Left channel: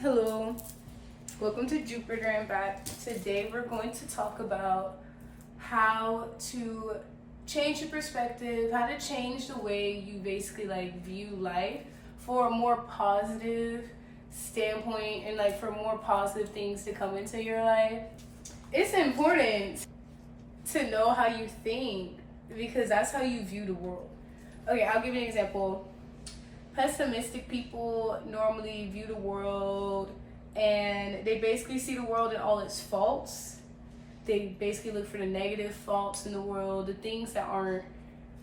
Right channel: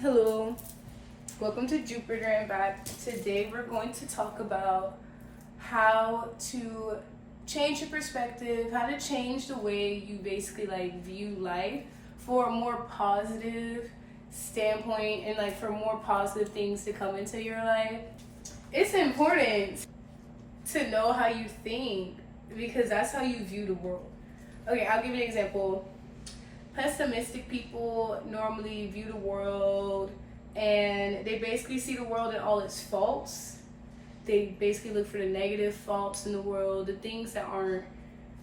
Hello, welcome to Jupiter and back. Today we're going to talk about how to change your perspective, how to change the way you basically view life for a more positive standpoint and for more positive things to come into your life. It's important to know how you think because that's how you view the world. Okay, I'll give you an example. Pessimistic people normally view the world and they basically see the world in all its faults. They basically look for the negative faults in the world, the things that aren't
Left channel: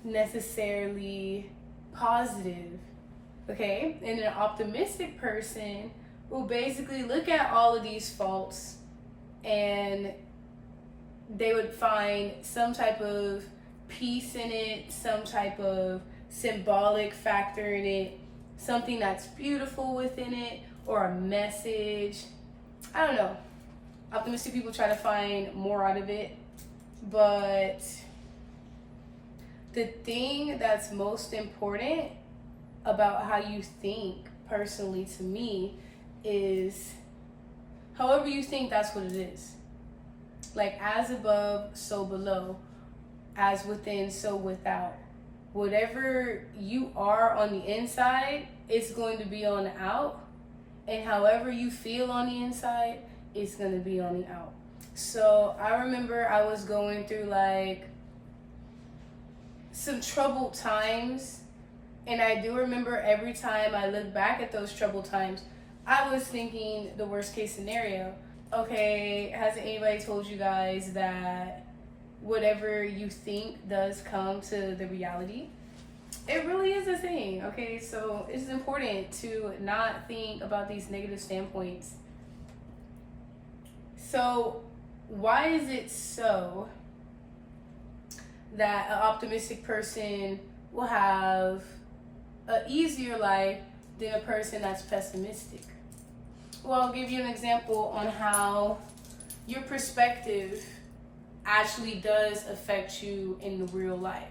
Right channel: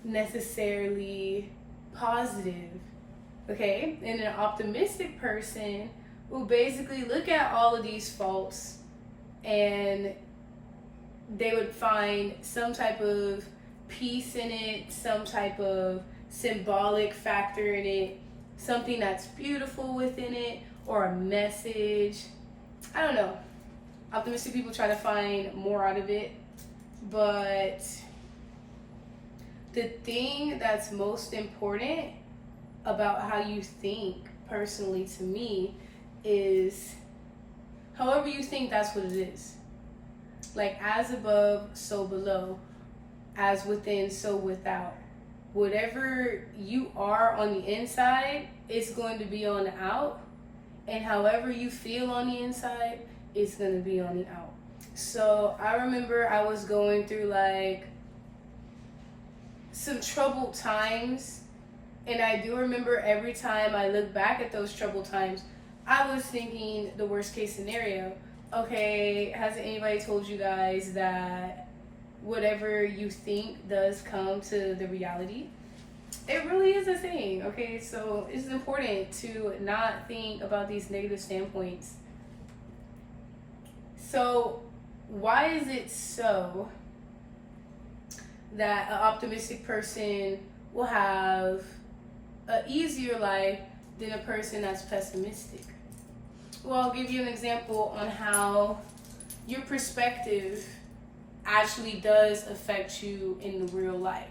necessarily positive. Okay? And an optimistic person will basically look at all of these faults and they would find some type of peace in it, some type of symbolic factor in it, something that's beautiful within it, or a message. I don't know. Optimistic people try to find more out of it, but the thing that's most important about how you think, personally to me, is however you think, that's what it is. Like as above, so below, as within, so without. Whatever you are on the inside, it's going to be on the out. And however you feel on the inside, it's going to be on the out. So I remember I was going through some troubled times. And I do remember every time I look back at those troubled times, I was thinking the worst case scenario. Okay, hasn't anybody told you guys that whatever you think does come to the reality? It really is a thing. Okay, so it's important to not think about these negative standpoints. So why is it so that an optimistic person will have an easier life than a person that's pessimistic? Well, I'll give you an example on how your perspective actually does affect you in the real life.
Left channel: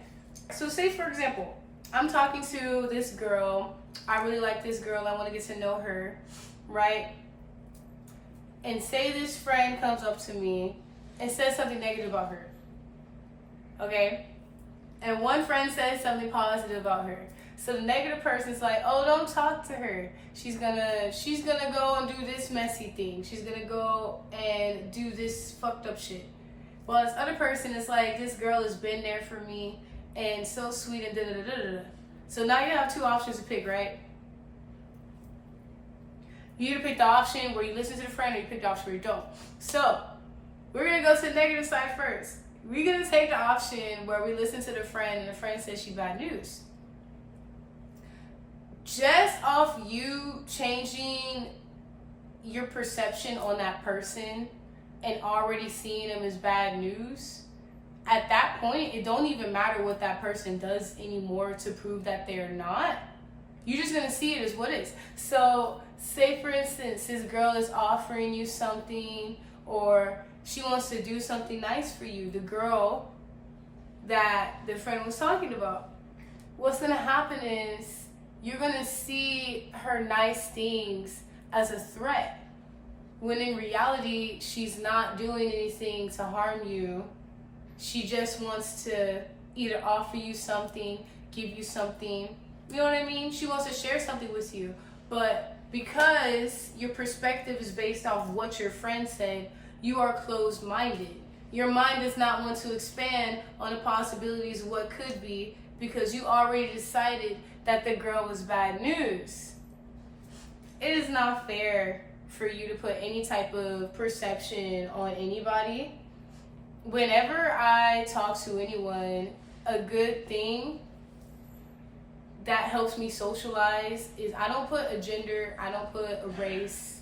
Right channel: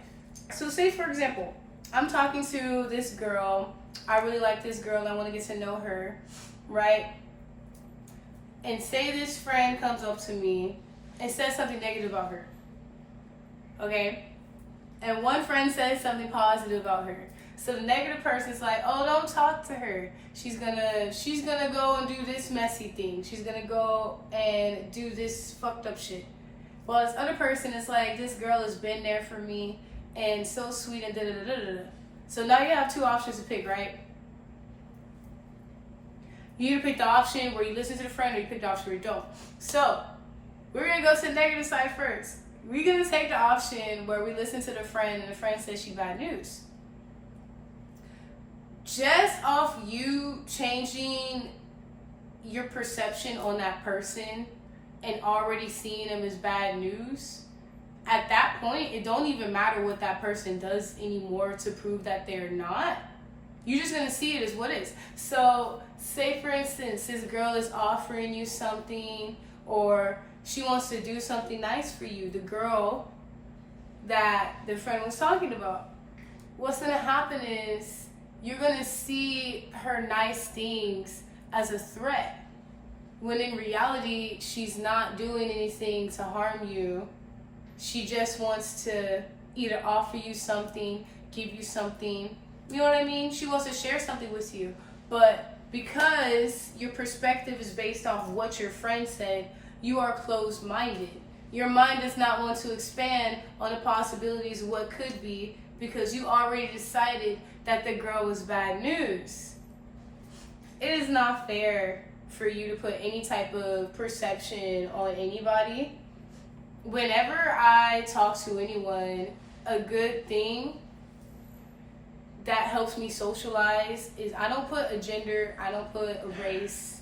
So say for example, I'm talking to this girl, I really like this girl, I want to get to know her, right? And say this friend comes up to me and says something negative about her, okay? And one friend says something positive about her. So the negative person's like, oh, don't talk to her. She's gonna go and do this messy thing. She's gonna go and do this fucked up shit. Well, this other person is like, this girl has been there for me and so sweet and da-da-da-da-da. So now you have two options to pick, right? You either pick the option where you listen to the friend or you pick the option where you don't. So we're going to go to the negative side first. We're going to take the option where we listen to the friend and the friend says she's bad news. Just off you changing your perception on that person and already seeing them as bad news, at that point, it don't even matter what that person does anymore to prove that they're not. You're just going to see it as what is. So, say for instance, this girl is offering you something or she wants to do something nice for you, the girl that the friend was talking about. What's going to happen is you're going to see her nice things as a threat, when in reality, she's not doing anything to harm you. She just wants to either offer you something, give you something. You know what I mean? She wants to share something with you. But because your perspective is based off what your friend said, you are closed-minded. Your mind does not want to expand on the possibilities of what could be because you already decided that the girl was bad news. It is not fair for you to put any type of perception on anybody. Whenever I talk to anyone, a good thing that helps me socialize is I don't put a gender, I don't put a race,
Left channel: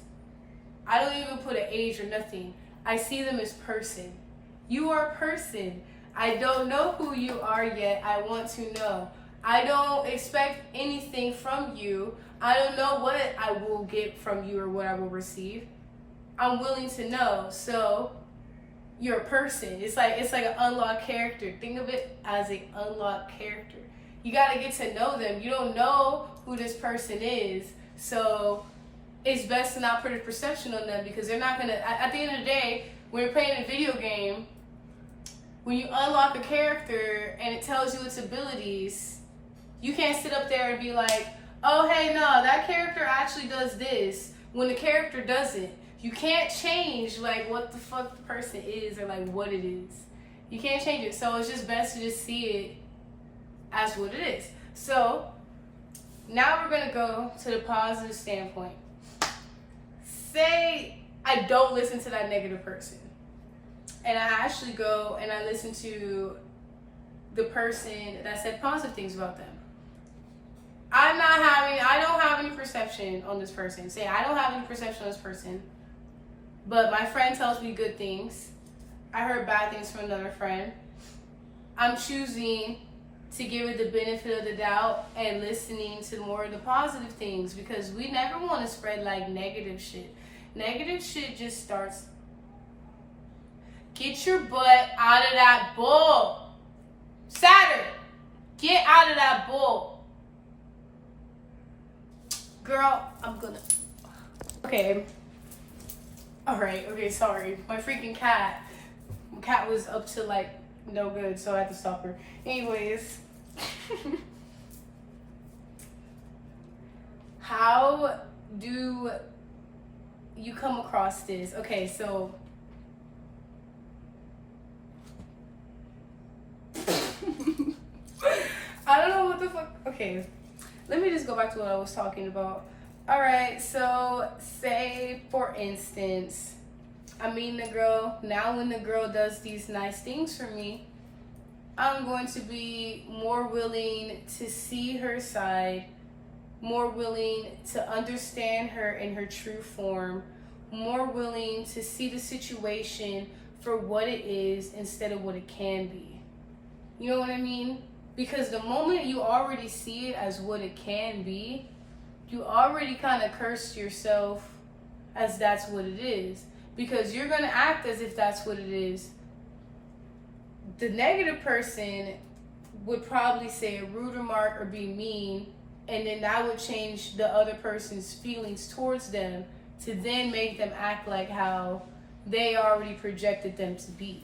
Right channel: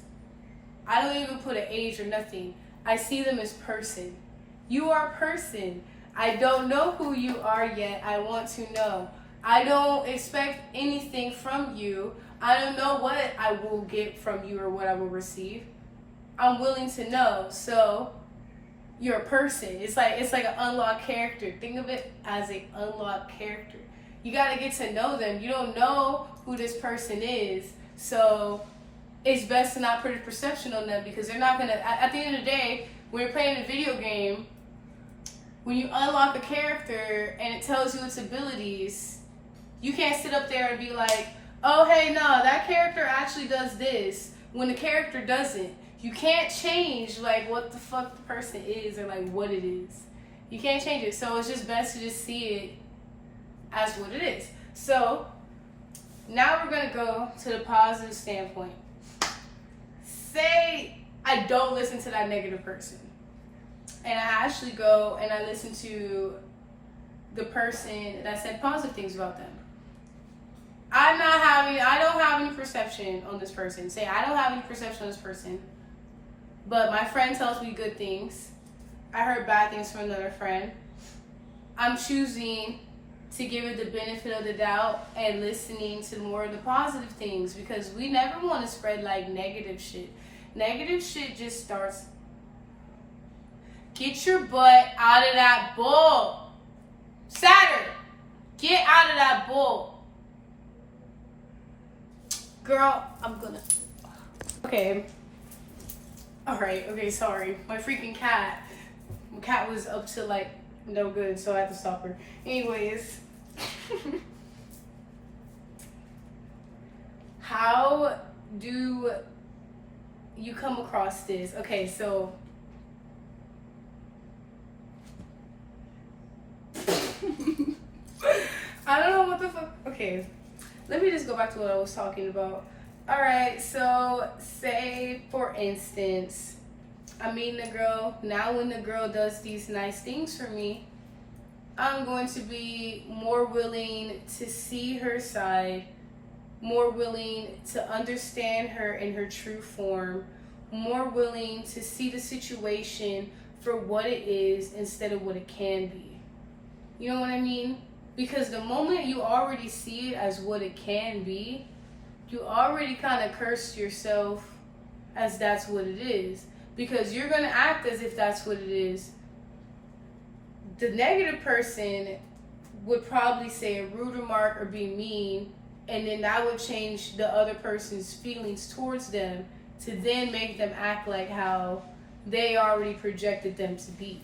I don't even put an age or nothing. I see them as person. You are a person. I don't know who you are yet. I want to know. I don't expect anything from you. I don't know what I will get from you or what I will receive. I'm willing to know. So you're a person. It's like an unlocked character. Think of it as an unlocked character. You got to get to know them. You don't know who this person is. So it's best to not put a perception on them, because they're not gonna, at the end of the day, when you're playing a video game, when you unlock a character and it tells you its abilities, you can't sit up there and be like, oh, hey, no, that character actually does this, when the character doesn't. You can't change, like, what the fuck the person is or, like, what it is. You can't change it. So it's just best to just see it as what it is. So now we're going to go to the positive standpoint. Say I don't listen to that negative person, and I actually go and I listen to the person that said positive things about them. I don't have any perception on this person. Say I don't have any perception on this person, but my friend tells me good things. I heard bad things from another friend. I'm choosing to give it the benefit of the doubt and listening to more of the positive things, because we never want to spread like negative shit. Negative shit just starts. Get your butt out of that bowl. Saturn, get out of that bowl. Girl, I'm gonna. Okay. Alright, okay, sorry. My freaking cat. My cat was up to like no good, so I had to stop her. Anyways. How do you come across this? Okay, so I don't know what the fuck. Okay, let me just go back to what I was talking about. All right, so say for instance, I'm meeting a girl. Now when the girl does these nice things for me, I'm going to be more willing to see her side, more willing to understand her in her true form, more willing to see the situation for what it is instead of what it can be. You know what I mean? Because the moment you already see it as what it can be, you already kind of cursed yourself as that's what it is. Because you're going to act as if that's what it is. The negative person would probably say a rude remark or be mean, and then that would change the other person's feelings towards them to then make them act like how they already projected them to be.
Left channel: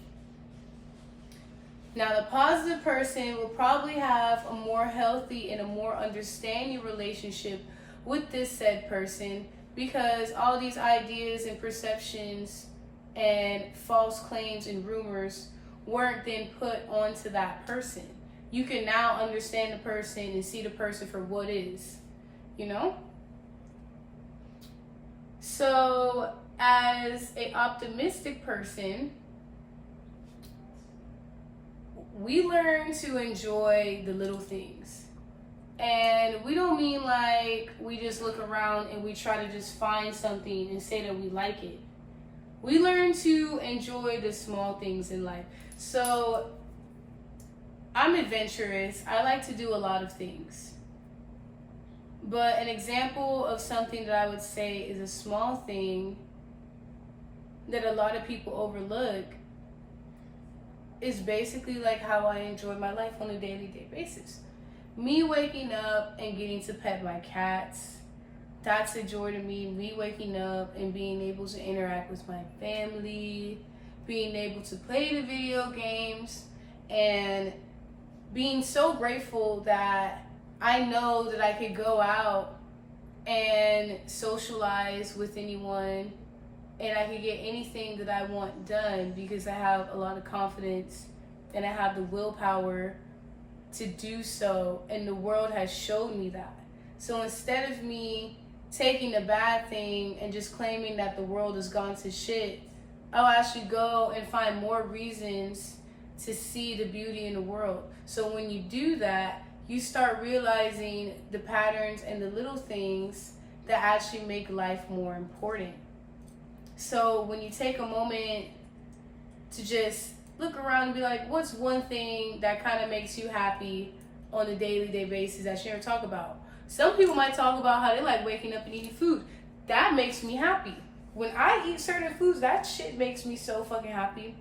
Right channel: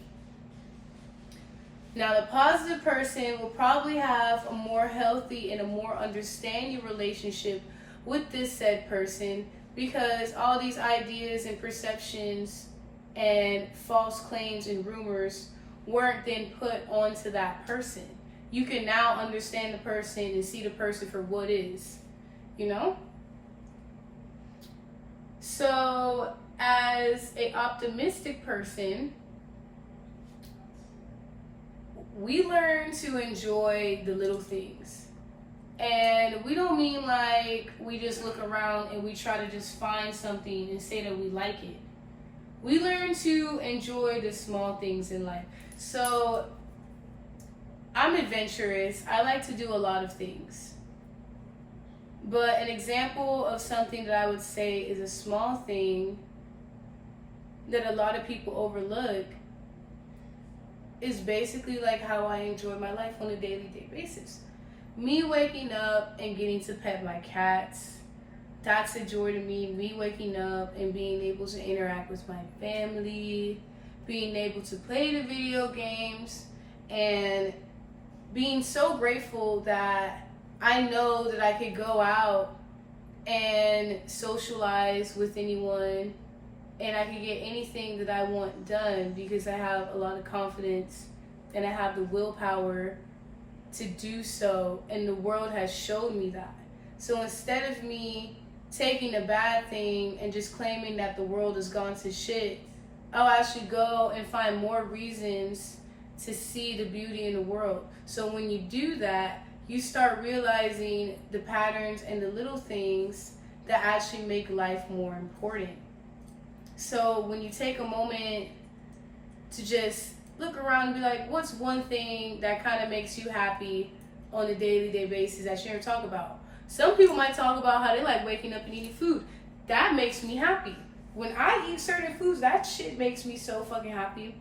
Now, the positive person will probably have a more healthy and a more understanding relationship with this said person, because all these ideas and perceptions and false claims and rumors weren't then put onto that person. You can now understand the person and see the person for what is, you know? So, as an optimistic person, we learn to enjoy the little things. And we don't mean like we just look around and we try to just find something and say that we like it. We learn to enjoy the small things in life. So, I'm adventurous. I like to do a lot of things. But an example of something that I would say is a small thing that a lot of people overlook is basically like how I enjoy my life on a daily basis. Me waking up and getting to pet my cats, that's a joy to me. Me waking up and being able to interact with my family, being able to play the video games, and being so grateful that I know that I could go out and socialize with anyone and I could get anything that I want done because I have a lot of confidence and I have the willpower to do so, and the world has showed me that. So instead of me taking a bad thing and just claiming that the world has gone to shit, I'll actually go and find more reasons to see the beauty in the world. So when you do that, you start realizing the patterns and the little things that actually make life more important. So when you take a moment to just look around and be like, what's one thing that kind of makes you happy on a daily basis that you never talk about? Some people might talk about how they like waking up and eating food. That makes me happy. When I eat certain foods, that shit makes me so fucking happy.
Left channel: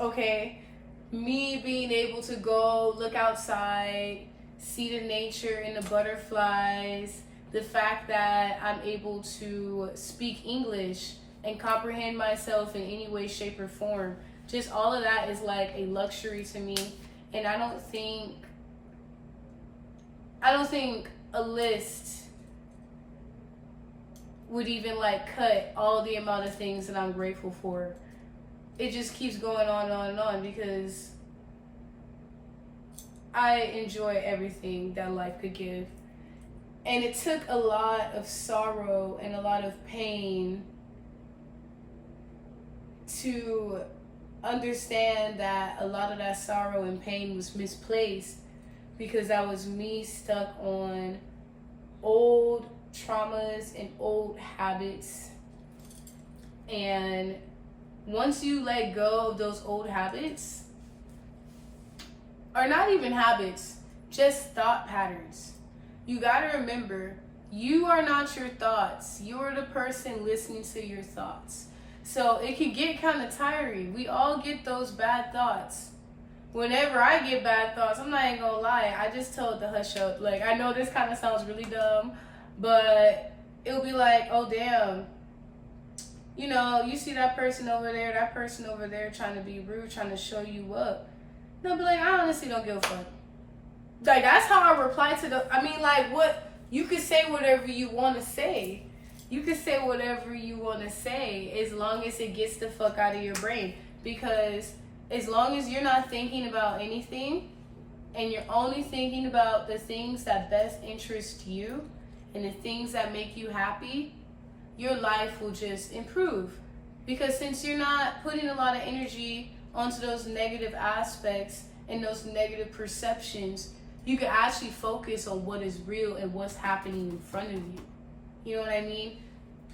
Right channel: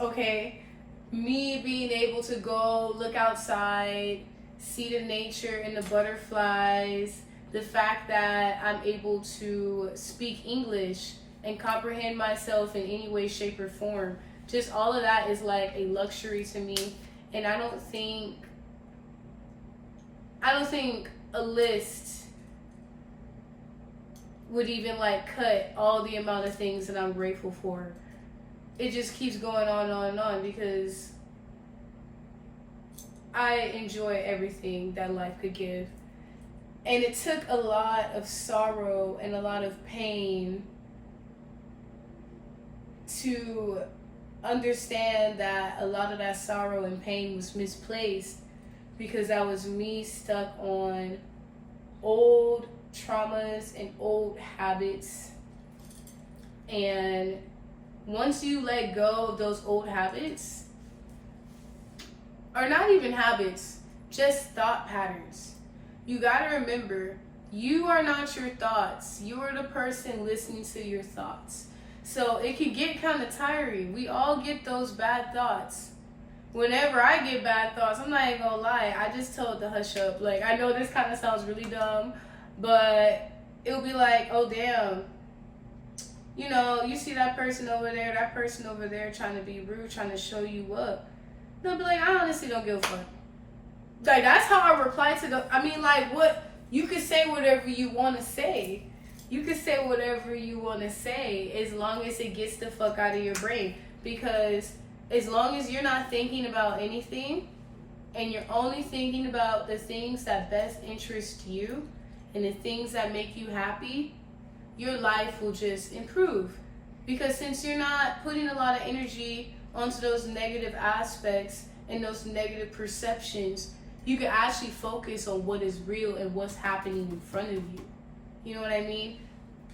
Okay? Me being able to go look outside, see the nature and the butterflies, the fact that I'm able to speak English and comprehend myself in any way, shape, or form. Just all of that is like a luxury to me. And I don't think a list would even like cut all the amount of things that I'm grateful for. It just keeps going on and on and on because I enjoy everything that life could give. And it took a lot of sorrow and a lot of pain to understand that a lot of that sorrow and pain was misplaced because that was me stuck on old traumas and old habits. And once you let go of those old habits, or not even habits, just thought patterns, you gotta remember, you are not your thoughts. You are the person listening to your thoughts. So it can get kind of tiring. We all get those bad thoughts. Whenever I get bad thoughts, I'm not even gonna lie, I just told to hush up. Like, I know this kind of sounds really dumb, but it'll be like, oh damn, you know, you see that person over there trying to be rude, trying to show you up. They'll be like, I honestly don't give a fuck. Like, that's how I reply to what, you could say whatever you want to say. You can say whatever you want to say as long as it gets the fuck out of your brain. Because as long as you're not thinking about anything and you're only thinking about the things that best interest you and the things that make you happy, your life will just improve. Because since you're not putting a lot of energy onto those negative aspects and those negative perceptions, you can actually focus on what is real and what's happening in front of you. You know what I mean?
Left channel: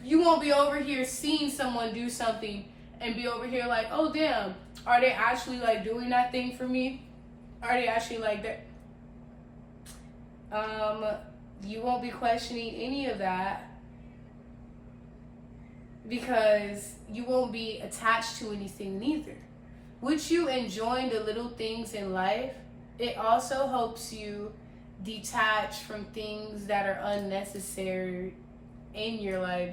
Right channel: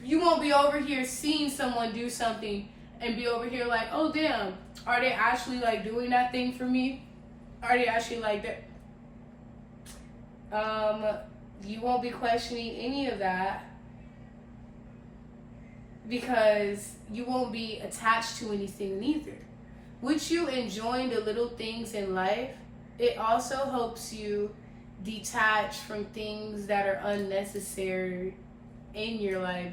You won't be over here seeing someone do something and be over here like, oh damn, are they actually like doing that thing for me? Are they actually like that? You won't be questioning any of that because you won't be attached to anything neither. With you enjoying the little things in life, it also helps you detach from things that are unnecessary in your life.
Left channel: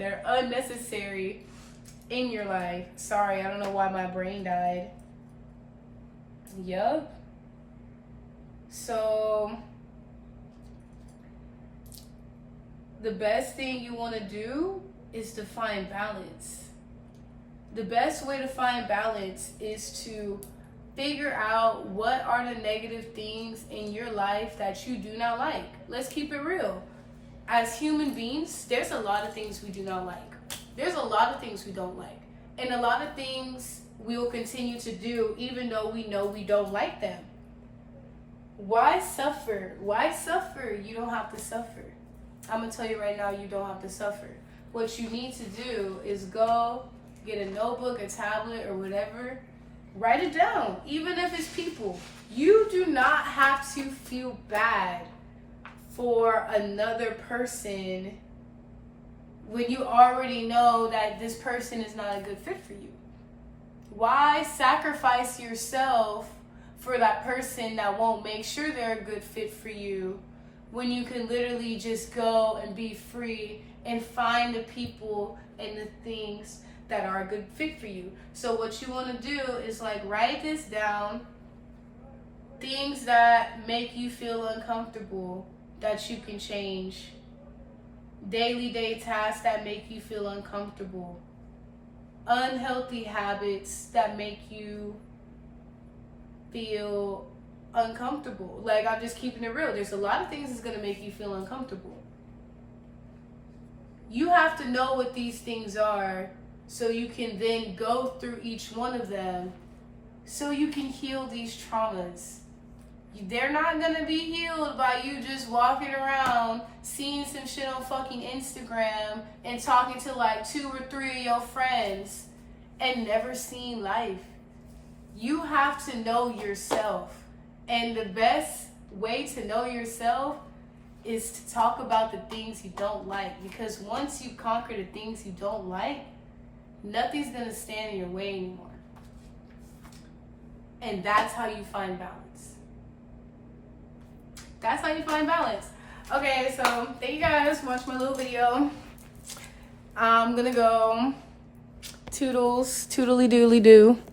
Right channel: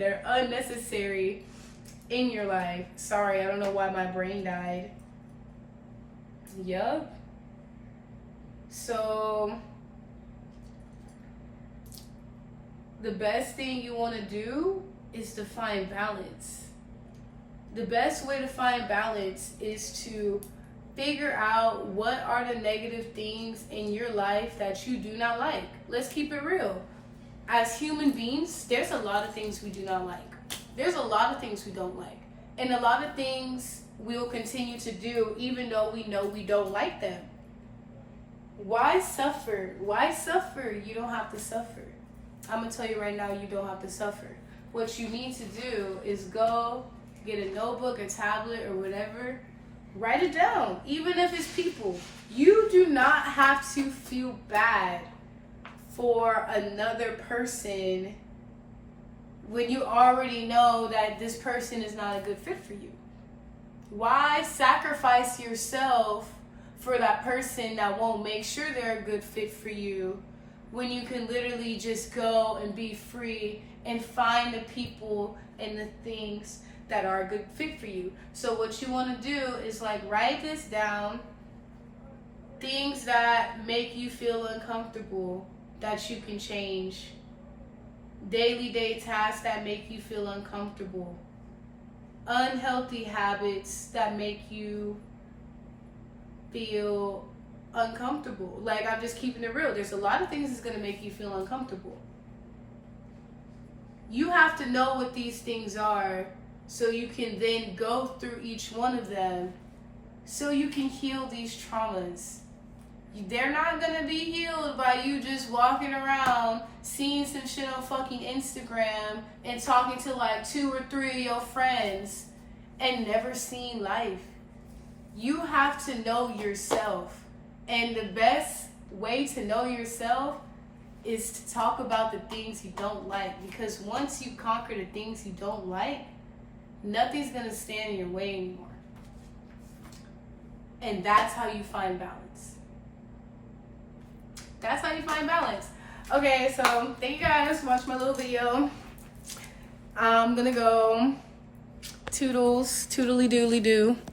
Sorry, I don't know why my brain died. Yup. So, the best thing you want to do is to find balance. The best way to find balance is to figure out what are the negative things in your life that you do not like. Let's keep it real. As human beings, there's a lot of things we do not like. There's a lot of things we don't like. And a lot of things we will continue to do even though we know we don't like them. Why suffer? Why suffer? You don't have to suffer. I'm going to tell you right now, you don't have to suffer. What you need to do is go get a notebook, a tablet, or whatever. Write it down, even if it's people. You do not have to feel bad for another person when you already know that this person is not a good fit for you. Why sacrifice yourself for that person that won't make sure they're a good fit for you when you can literally just go and be free and find the people and the things that are a good fit for you? So what you want to do is like write this down. Things that make you feel uncomfortable that you can change. Day tasks that make you feel uncomfortable. Unhealthy habits that make you feel uncomfortable. Like, I'm just keeping it real. There's a lot of things that's going to make you feel uncomfortable. You have to know what these things are so you can then go through each one of them so you can heal these traumas. They're not going to be healed by you just walking around seeing some shit on fucking Instagram and talking to like 2 or 3 of your friends and never seeing life. You have to know yourself. And the best way to know yourself is to talk about the things you don't like. Because once you conquer the things you don't like, nothing's going to stand in your way anymore. And that's how you find balance. That's how you find balance. Okay, so thank you guys for watching my little video. I'm gonna go toodles, toodly doodly doo.